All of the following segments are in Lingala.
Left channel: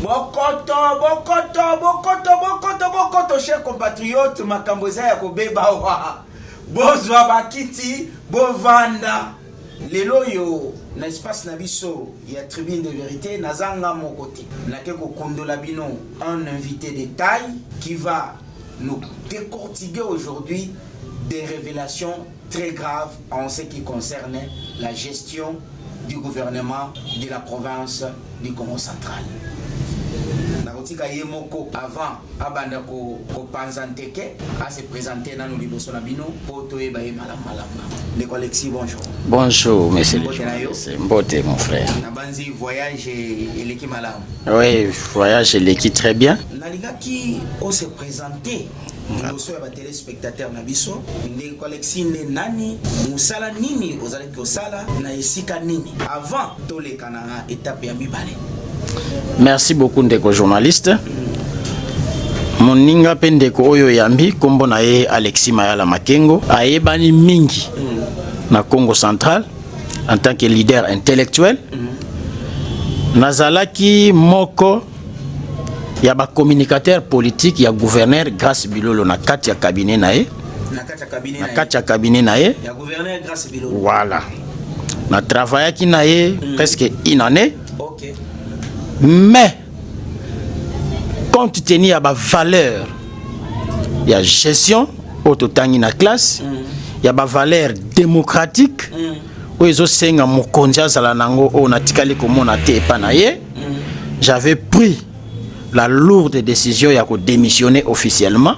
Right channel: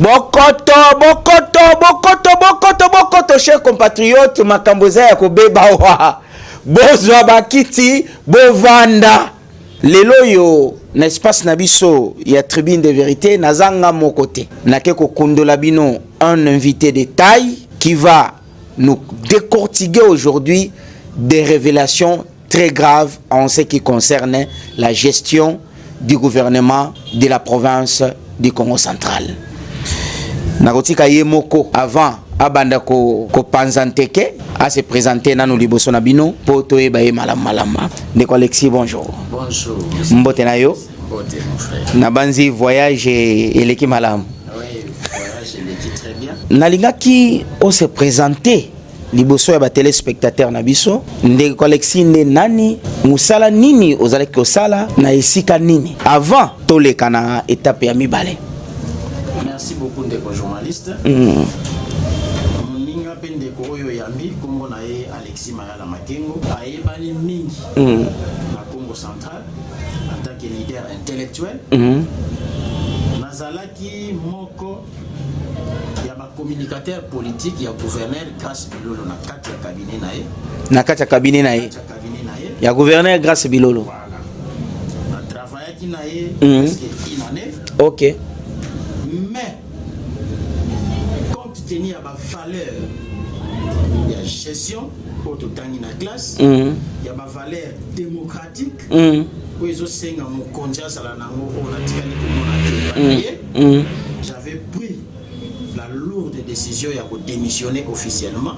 Bokoto, chers compatriotes, makamboza ya kobeba wa. Bozwa bakiti, bovanda. Lelo yo, n'espace nabiso, ya tribune de vérité, nazanga mon côté. Nakeko Kondolabino, un invité de taille qui va nous décortiquer aujourd'hui des révélations très graves en ce qui concerne la gestion du gouvernement de la province du Congo central. Nakotika Yemoko avant abanda ko panzanteke à se présenter na nous liboso na bino poto e baye malama. Ndeko Alexis, bonjour. Bonjour monsieur. Mbote na yo? Mbote mon frère. Nabanzi voyage eleki malam. Oui, voyage eleki très bien. Nalinga ki on se présenter liboso ya ba téléspectateurs na biso Ndeko Alexis ne nani musala nini ozalaki osala na esika nini avant toleka na étape ya mibale. Merci beaucoup ndeko journaliste. Moninga pendeko oyo yambi kombo na ye Alexis Mayala Makengo ayebani mingi na Congo central en tant que leader intellectuel. Nazalaki moko ya ba communicateur politique ya gouverneur Grace Bilolo na kati ya cabinet na ye. Na kati ya cabinet na ye. Kati ya cabinet na ye. Ya gouverneur Grace Bilolo. Voilà. Na travaillaki na ye presque une année. OK. Mais compte tenu à la valeur, il y a gestion, autotangi na classe, il y a la valeur démocratique, où ils ont senga mon konja zalanango on a tikali comme on a té panaye. J'avais pris la lourde décision de démissionner officiellement.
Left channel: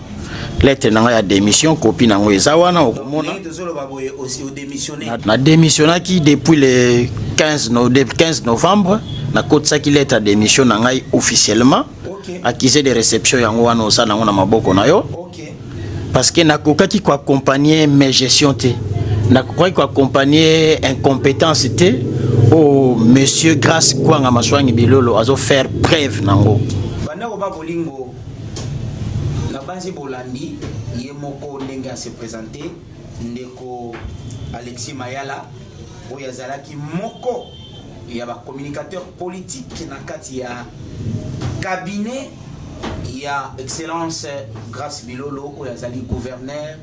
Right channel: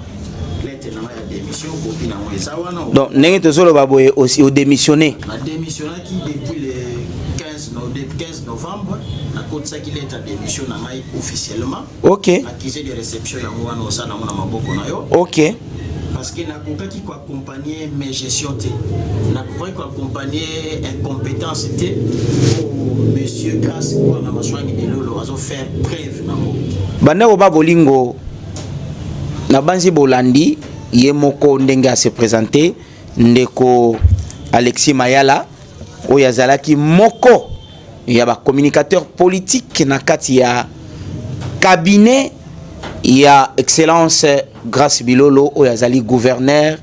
Lettre na démission copie na ezawana. Donc nenge tozolo baboye aussi au démissionner. Na démissionné qui depuis le 15 novembre na côte ça qui lettre démission na ngai officiellement. OK. Accusé de réception yango wana osana na maboko na yo. OK. Parce que na kokaki ko accompagner mes gestion te. Na kokaki ko accompagner incompétence te au monsieur Grace Kwanga Maswangi Bilolo azo faire preuve nango. Bandeko ba bolingo na banzi bolandi yemoko ndenge a se présenter ndeko Alexis Mayala oyazalaki moko ya ba communicateur politique na kati ya cabinet ya excellence Grace Bilolo oyazali gouverneur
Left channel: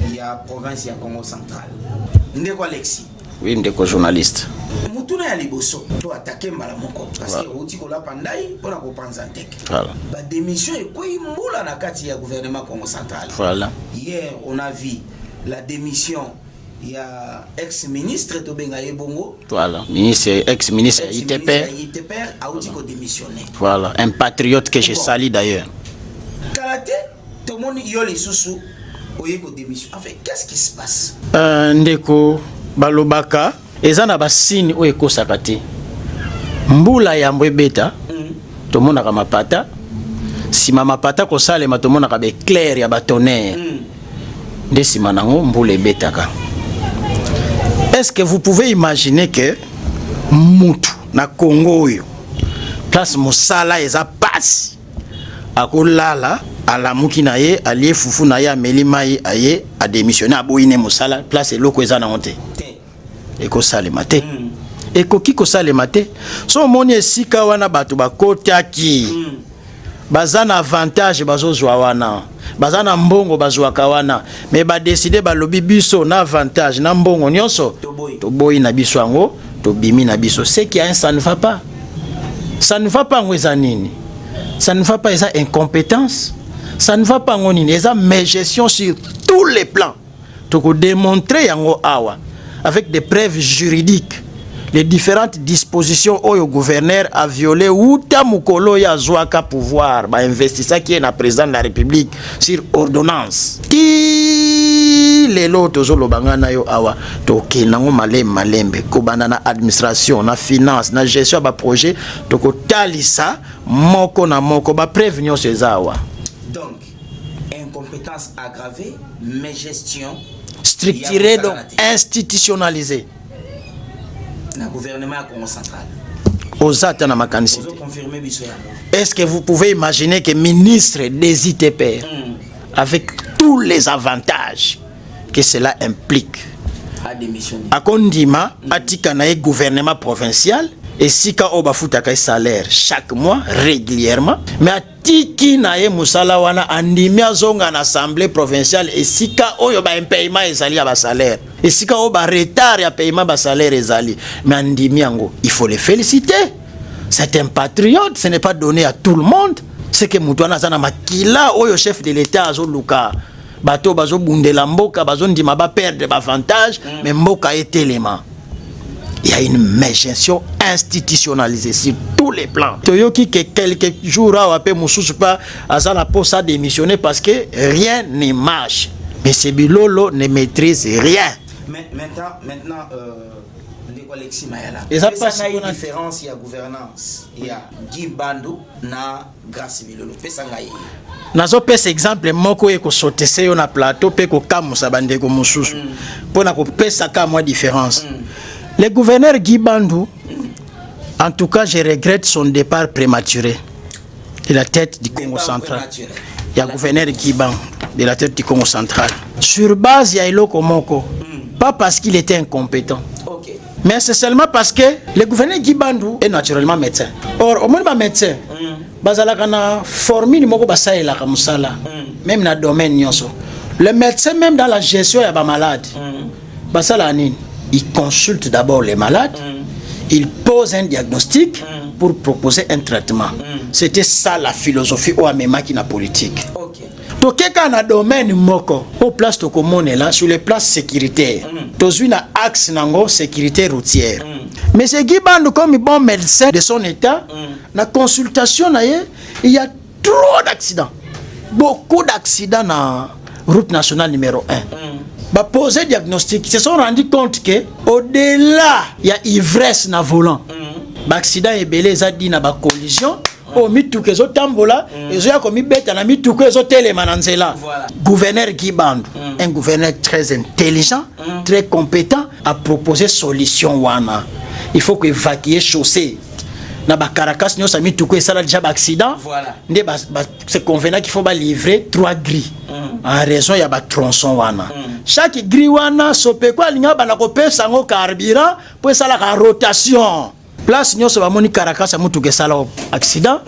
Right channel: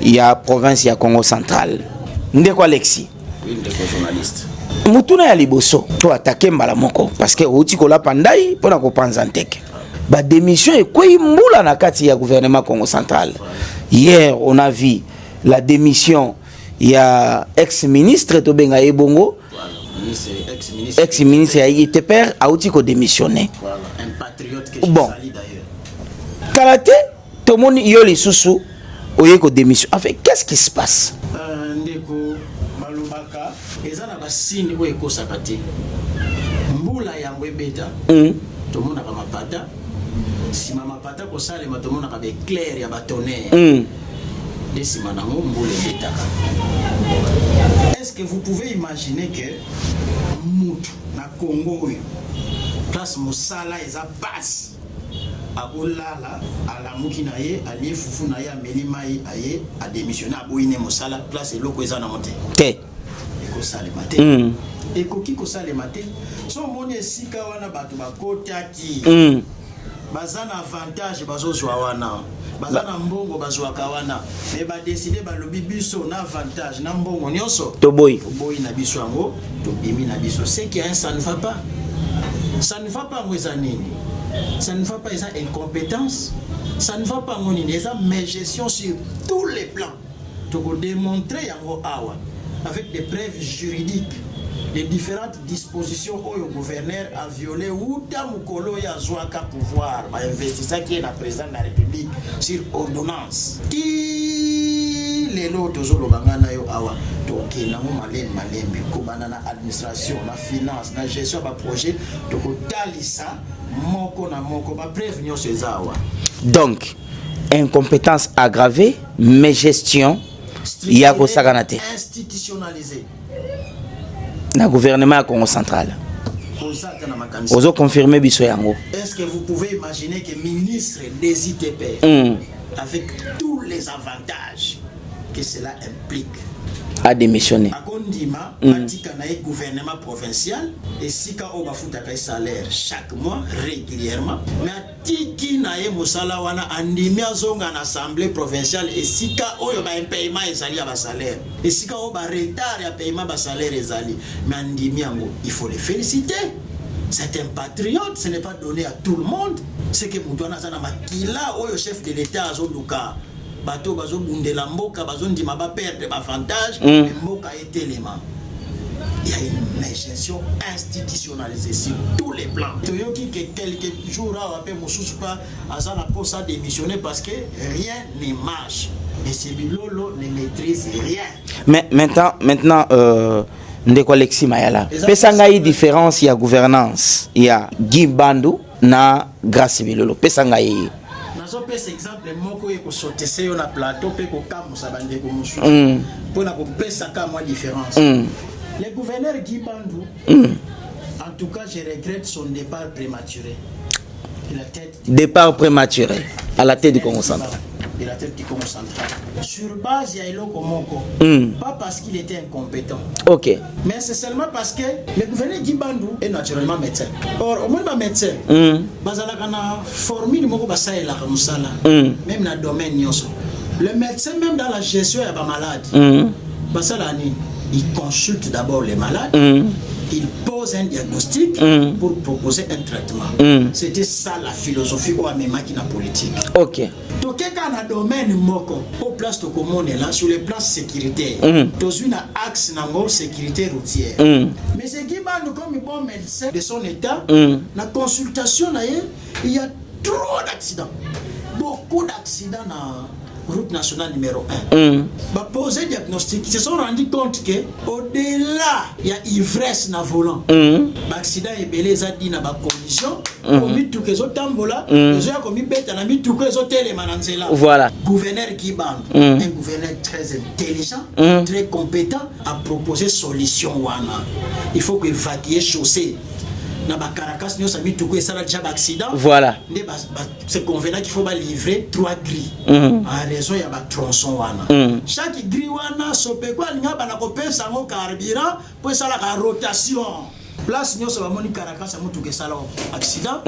ya province ya Congo central. Ndeko Alexis. Oui, ndeko journaliste. Mutuna ya liboso to attaquer mbala moko parce que outi kola pandai pona ko panza nteke. Ba démission e kwei mbula na kati ya gouvernement Congo central. Voilà. Hier on a vu la démission ya ex-ministre Tobenga Ebongo. Voilà, ex-ministre ya ITPR a outi ko démissionner. Voilà, un patriote que je salue d'ailleurs. Kalaté to moni yo lisusu oye ko démission. En fait, qu'est-ce qui se passe? Ndeko balobaka ezana basini o ekosaka te mbula ya mbwebeta tomonaka mapata sima mapata kosalema tomonaka be clair ya batonnerre nde sima nango mbula ebetaka. Est-ce que vous pouvez imaginer que mutu na Congo oyo place mosala eza pasi akolala alamuki na ye alie fufu na ye ameli mai aye a démissionner aboyine mosala place eloko eza na honte te eko salema te eko kiko salema te so moni esika wana bato bakotaki bazana avantage bazozwa wana bazana mbongo bazwaka wana mais ba décider balobi biso na avantage na mbongo nyonso toboyi na biso yango tobimi na biso c'est qu'il y a un ça ne va pas ngweza nini ça ne va pas eza incompétence ça ne va pas ngonini eza mégestion sur tous les plans toko démontrer yango awa avec des preuves juridiques les différentes dispositions où le gouverneur a violé ou tamukolo ya zwaka pouvoir ba investissa qui est na président de la République sur ordonnance qui les lotos zolo bangana yo awa to kenango malembe ko banana administration na finance na gestion ba projet to ko talisa moko na moko ba prévention ces awa. Donc incompétence aggravée mais gestion structurée institutionnalisée na gouvernement Congo central. Ozo confirmer biso yango. Est-ce que vous pouvez imaginer que ministre des ITP avec tous les avantages que cela implique a démissionné a kondima atika na gouvernement provincial et si ka o bafuta ka salaire chaque mois régulièrement mais atiki na ye musala wana andimi azonga na assemblée provinciale et si ka oyo ba paiement ezali ya ba salaire et si ka o ba retard ya paiement ba salaire ezali mais andimi yango il faut les féliciter. C'est un patriote, ce n'est pas donné à tout le monde. C'est que Moutouana Zana Makila, oyo chef de l'État, Azo Luka, Bato Bazo Bundela Mboka, Bazo Ndima ba perdre avantage, mais Mboka est élément. Il y a une méchanceté institutionnalisée sur tous les plans. Toyoki que quelques jours après Moussous pas Azana pour ça démissionner parce que rien ne marche. Mais ce Bilolo ne maîtrise rien. Mais maintenant ndeko Alexis Mayala. Pesanga y différence, il y a gouvernance. Il y a Guy Bandou na Gracie Bilolo. Pesanga y. Nazo pesa exemple moko eko sotese yo na plateau pe ko kamusa bandeko mususu. Pona ko pesa ka moi différence. Le gouverneur Guy Bandou, en tout cas, je regrette son départ prématuré de la tête du départ prématuré. Il y a le gouverneur Guy Bandou de la tête du Congo central. Sur base, il y a Eloko Moko. Pas parce qu'il était incompétent. Ok. Mais c'est seulement parce que le gouverneur Guy Bandou est naturellement médecin. Or, au moins, médecin, bazalakana formule moko basaela kamusala. Même dans le domaine nyonso. Le médecin, même dans la gestion, il y a des malades. Basala nini. Il consulte d'abord les malades, il pose un diagnostic pour proposer un traitement. C'était ça la philosophie au Amema qui n'a politique. Ok. Donc, quand on a domaine moko, au place de commune là, sur les places sécuritaires, dans une axe nango sécurité routière. Mais c'est Guy Bandou comme bon médecin de son état, la consultation il y a trop d'accidents, beaucoup d'accidents dans route nationale numéro 1. Bah poser diagnostic, ils se sont rendus compte que au-delà il y a ivresse na volant. Bah accident est belé ça dit na ba collision, au mitu que zo tambola, ils ont commis bête na mitu que zo télémananzela. Voilà. Gouverneur Guy Bandou, un gouverneur très intelligent, très compétent, a proposé solution wana. Il faut que évacuer chaussée. Na ba Caracas nous a mis tout que ça a déjà accident. Voilà. C'est convenant qu'il faut ba livrer 3 grilles. En raison il y a ba tronçon wana. Chaque grille wana sope quoi linga ba na ko pesa ngo carburant pour ça la rotation. Place nous ba moni Caracas a mutu que ça accident.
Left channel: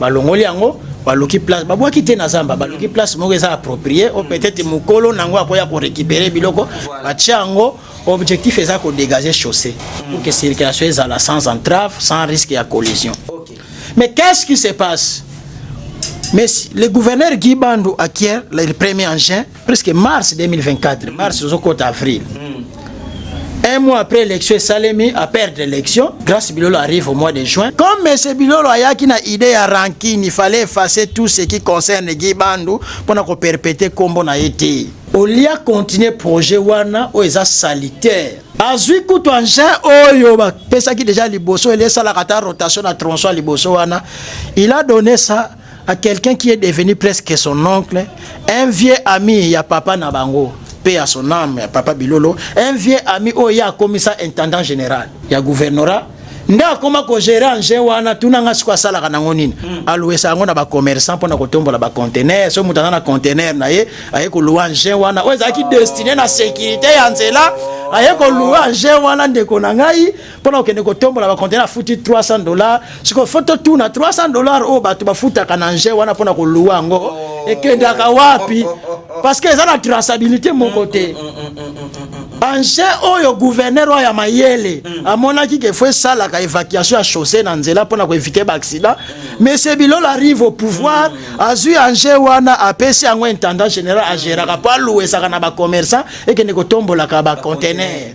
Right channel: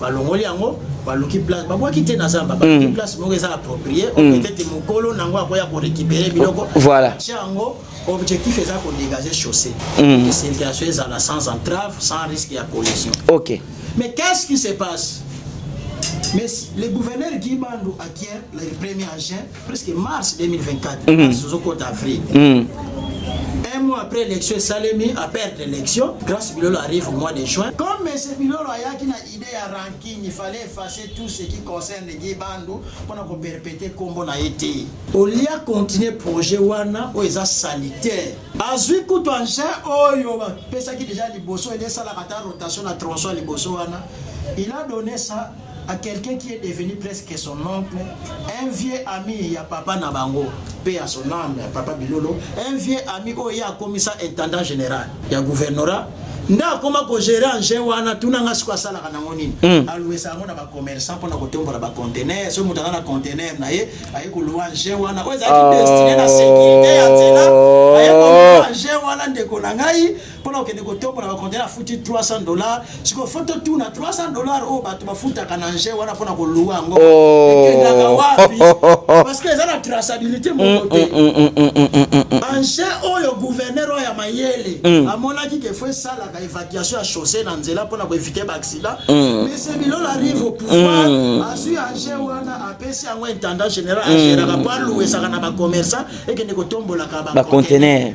Ba longoli yango ba loki place ba boa kité na zamba ba loki place mo ça approprié on peut-être mukolo nango akoya ko récupérer biloko. Voilà. Ba tiango objectif est de dégager chaussée, que la circulation est sans entrave, sans risque de collision. Ok. Mais qu'est-ce qui se passe? Mais le gouverneur Guy Bandou acquiert le 1er juin, presque mars 2024, mars au avril. Un mois après l'élection, Salemi a perdu l'élection. Grâce Bilolo arrive au mois de juin. Comme M. Bilolo a une idée à ranking, il fallait effacer tout ce qui concerne Guy Bandou pour ne perpétuer comme on a été. Au lieu de continuer le projet Wana, où il est sanitaire. Azui Koutou Angé, pesa qui déjà liboso, il est à la rotation à tronçon à liboso Wana. Il a donné ça à quelqu'un qui est devenu presque son oncle, un vieux ami, il y a papa Nabango. Paix à son âme, papa Bilolo, un vieux ami, il y a commissaire intendant général, il y a gouvernorat. Nda koma ko gérer en jewana tunanga sikwa sala kana ngonini aluesa ngona ba commerçant pona ko tombola ba conteneur so mutana na conteneur na ye aye ko luwa jewana oza ki destiné na sécurité ya nzela aye ko luwa jewana ndeko na ngai pona ko ne ko tombola ba conteneur futi $300 siko photo tu na $300 o ba tu ba futa kana jewana pona ko luwa ngo ekendaka wapi parce que ça la traçabilité mon côté ange oyo gouverneur ya mayele amona ki ke faut ça la évacuation à chaussée dans nzela pour éviter l'accident. Mais ce Bilolo arrive au pouvoir, Azui Angé wana apesi yango intendant général Angera pas louer ça na ba commerçant et que ne ko tombola ka ba conteneur.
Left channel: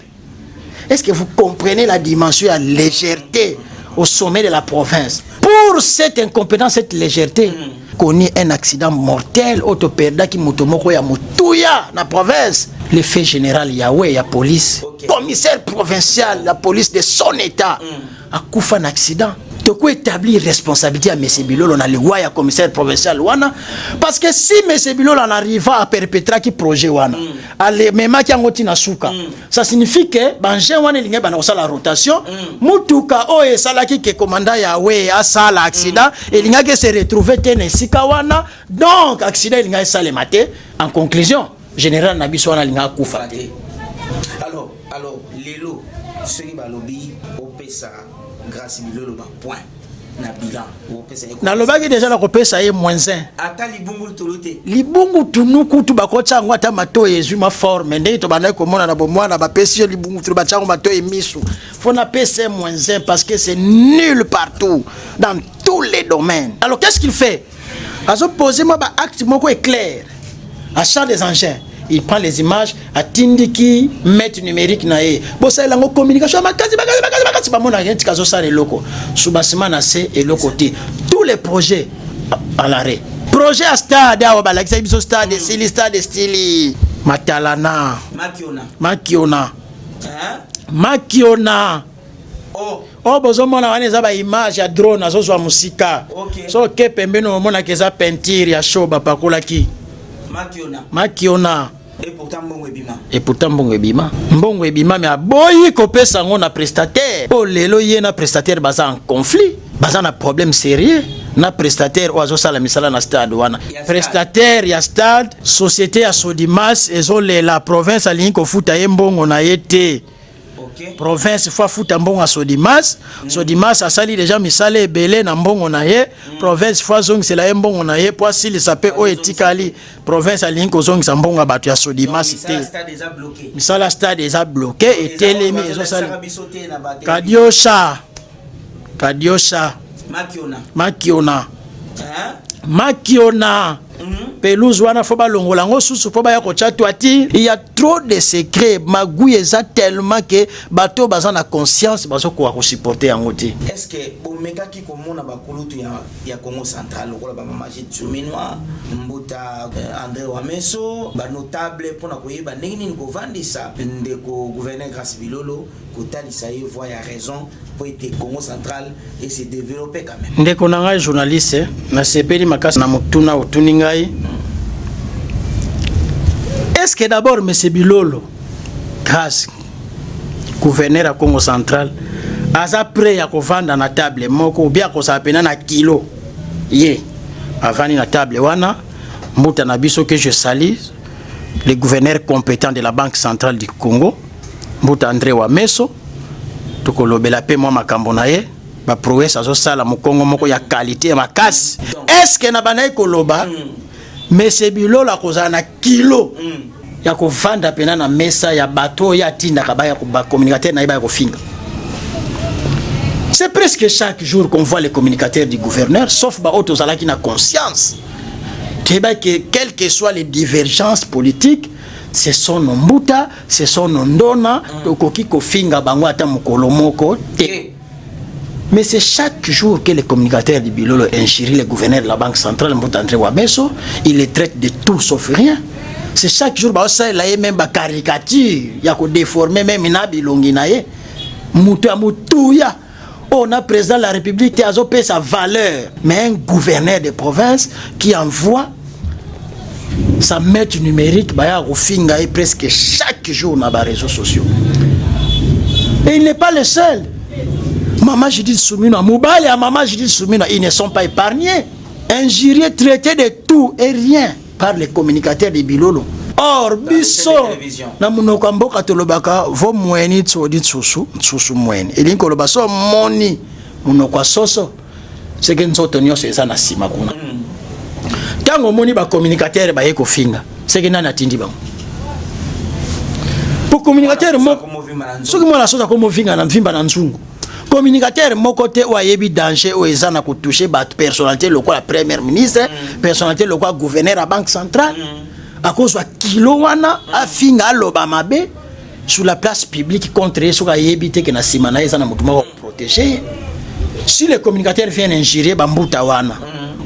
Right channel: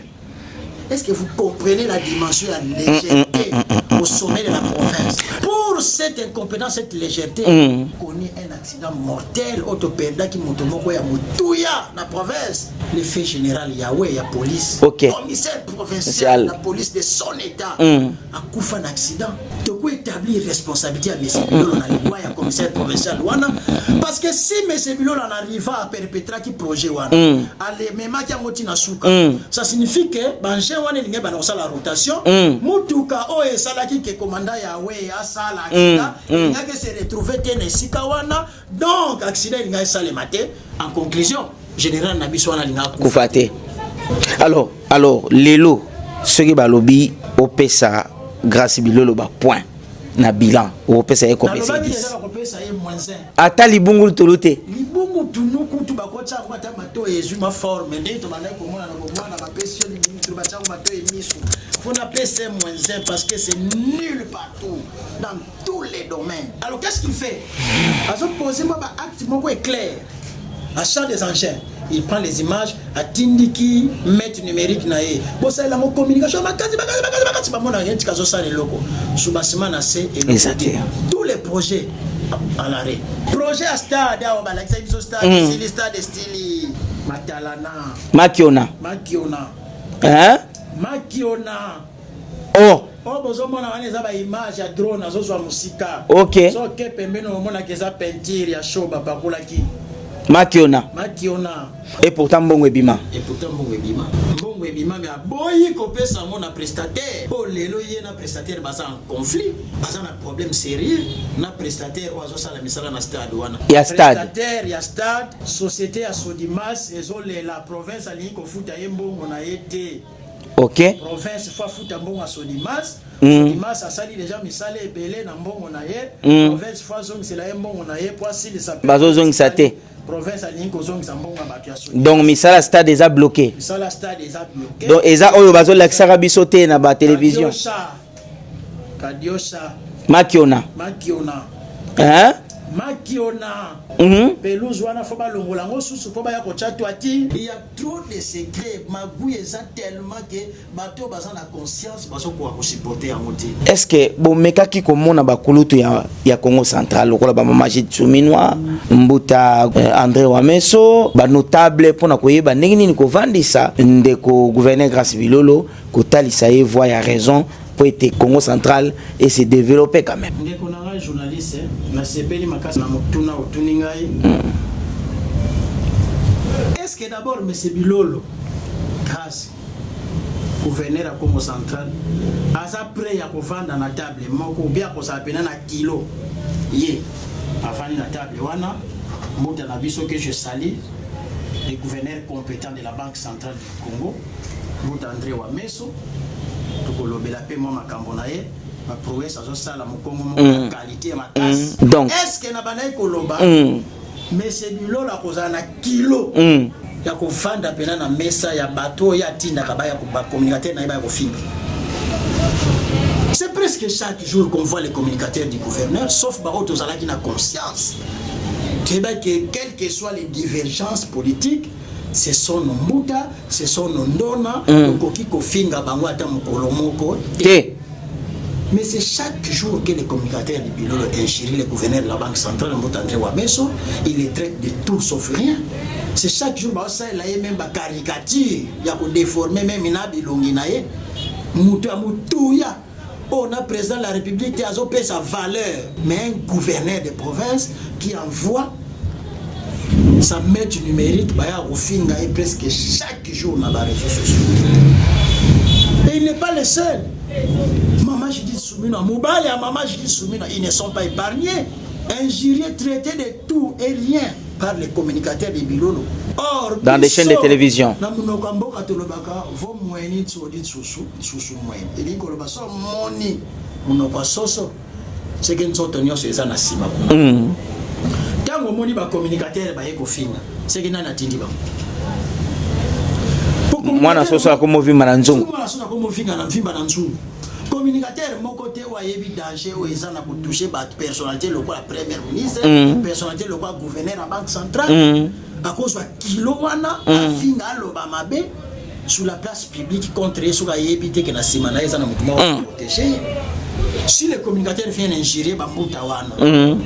Est-ce que vous comprenez la dimension de la légèreté au sommet de la province? Pour cette incompétence, cette légèreté, connaît un accident mortel, autoperda qui motomoko ya mutuya na province. Le fait général Yahweh, la police, commissaire provincial, la police de son état, a couffé un accident. De quoi établir responsabilité à M. Bilolo dans le roi commissaire provincial wana parce que si M. Bilolo en arriva à perpétrer qui projet wana ale mema ki ngoti na suka ça signifie que banje wana linga bana la rotation mutuka o e sala ki ke commandant Yahweh a sala accident et linga que se retrouver tene sika wana donc accident linga sala maté en conclusion général Nabiso wana linga kufate alors lelo ce qui balobi opesa grâce bilolo ba point na bilan o pesa eko na lobaki déjà la kopesa ye -1 ata libungu tolote libungu tunuku tu bakotsa ngo ata mato yezu ma forme ndenge to bana komona na bomwana ba pesi yo libungu tu batsango mato emisu fona pesa -1 parce que c'est nul partout dans tous les domaines. Alors qu'est-ce qu'il fait? Azo poser moi ba acte moko est clair achat des engins. Il prend les images à Tindiki, maître numérique nae. Bon ça la communication makasi ba mona rien tikazo ça les locaux. Soubasima na c'est et le côté. Tous les projets à l'arrêt. Projet à stade à Obala, qui biso stade style stade style Matalana, Makiona. Hein? Makiona. Oh bozo mona wana za ba image ya drone azo zwa musika. OK. So ke pembeno mona keza peinture ya show ba pakola ki. Makiona. Et pourtant mbongo ebima. Mbongo ebima mais aboyi kopesa ngo na prestataire. Oh lelo ye na prestataire baza en conflit. Baza na problème sérieux. Na prestataire oazo sala misala na stade wana. Prestataire ya stade, société ya Sodimas ezo la province alingi ko futa ye mbongo na yete. OK. Province fois futa mbongo a Sodimas. Sodimas a sali déjà misala ebele na mbongo na ye. Province fois zong c'est la mbongo na ye pour s'il s'appelle Oetikali. Province alingi ko zong sa mbongo batu ya Sodimas. Donc misala stade déjà bloqué. Misala stade déjà bloqué. Donc eza oyo bazo la sara bisoté na ba télévision. Kadiosha. Makiona. Hein? Makiona. Pelouse wana faut ba longola ngo susu po ba ya ko chatwati. Il y a trop de secrets. Magouye za tellement que bato baza na conscience bazo ko supporter yango ti. Est-ce que bon mekaki ko mona ba kulutu ya Congo central lokola ba mama Jitsuminwa Mbuta André Wameso ba notable pona ko yeba ndenge nini ko vandisa ndeko gouverneur Grace Bilolo ko talisa ye voix ya raison pour être Congo central et se développer quand même. Ndeko nanga journaliste na sepeli makasi na mutuna utuningai. Est-ce que d'abord monsieur Bilolo grâce gouverneur à Congo central asa prêt à kovanda na table moko ou bien ko sapena na kilo ye avani na table wana muta na biso que je salue le gouverneur compétent de la Banque centrale du Congo Mbuta André Wameso tokolobela pe moi makambo na ye ba prouesse azo sala mokongo moko ya qualité ya makasi. Est-ce que na bana ekoloba monsieur Bilolo akozana na kilo ya kovanda pena na mesa ya bateau ya tinda kabaya ko ba communicateur na ba ko finga. C'est presque chaque jour qu'on voit les communicateurs du gouverneur sauf ba autres ala qui na conscience que quelles que soient les divergences politiques ce sont nos Mbuta, ce sont nos Ndona, Okoki Kofinga Bango ata mokolo moko. Mais c'est chaque jour que les communicateurs du Bilolo injurient le gouverneur de la Banque centrale, Mbuta André Wameso, il les traite de tout sauf rien. C'est chaque jour ça il a même ba caricature, il a ko déformer même ina bilongi na ye. Mutuya. On a président de la République qui a opé sa valeur, mais un gouverneur de province qui envoie sa maître numérique baya rofinga et presque chaque jour dans les réseaux sociaux. Et il n'est pas le seul. Maman Judith Soumina, Moubali et Maman Judith Soumina, ils ne sont pas épargnés. Injuriés, traités de tout et rien par les communicateurs de Bilolo. Or, dans les chaînes de télévision. Na munokambo katolobaka vo mweni tsodi tsusu mweni. Elinko lobaso moni munokwa soso. C'est que nous tenions ces ana sima kuna. Tango moni ba communicateur ba yeko finga. C'est que nana tindi ba. Pour communicateur mo ko movimba na nzungu. Soki mwana soza ko movinga na mvimba na nzungu. Communicateur moko te wa yebi danger o ezana ko toucher ba personnalité lokola premier ministre, personnalité lokola gouverneur à banque centrale. À cause de kilo wana afinga loba mabe sur la place publique contre so ka yebite que na simana ezana mutuma wa protéger. Si les communicateurs viennent injurier Bambuta wana,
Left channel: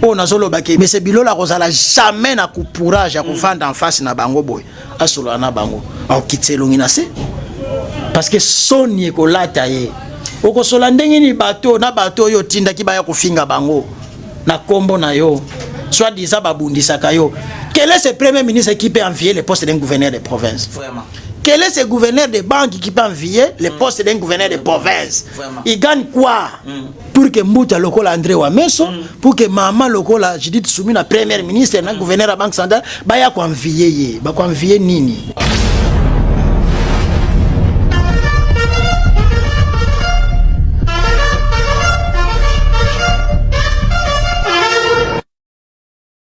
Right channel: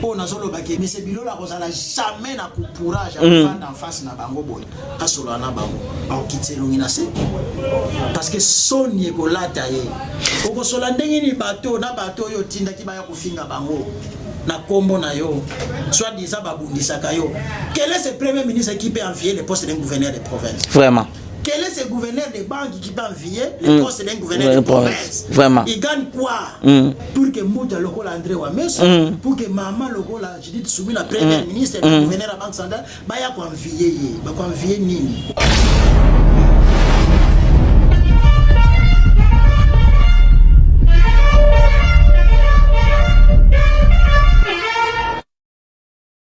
on a solo baki mais c'est Bilolo kozala jamais na courage à kufanda en face na bango boy. Asolo na bango. Au kitselongi na se. Parce que soni ko lata ye. Oko sola ndenge ni bateau na bateau yo tinda ki baya kofinga bango na kombo na yo. Soit disant babundisaka yo. Quel est ce premier ministre qui peut envier le poste d'un gouverneur de province? Vraiment. Quel est ce gouverneur de banque qui peut envier le poste d'un gouverneur de province? Vraiment. Il gagne quoi? Pour que Mbuta lokola André Wameso, pour que Maman lokola Judith Soumina premier ministre d'un gouverneur de la banque centrale, baya ko envier ye, ba ko envier nini?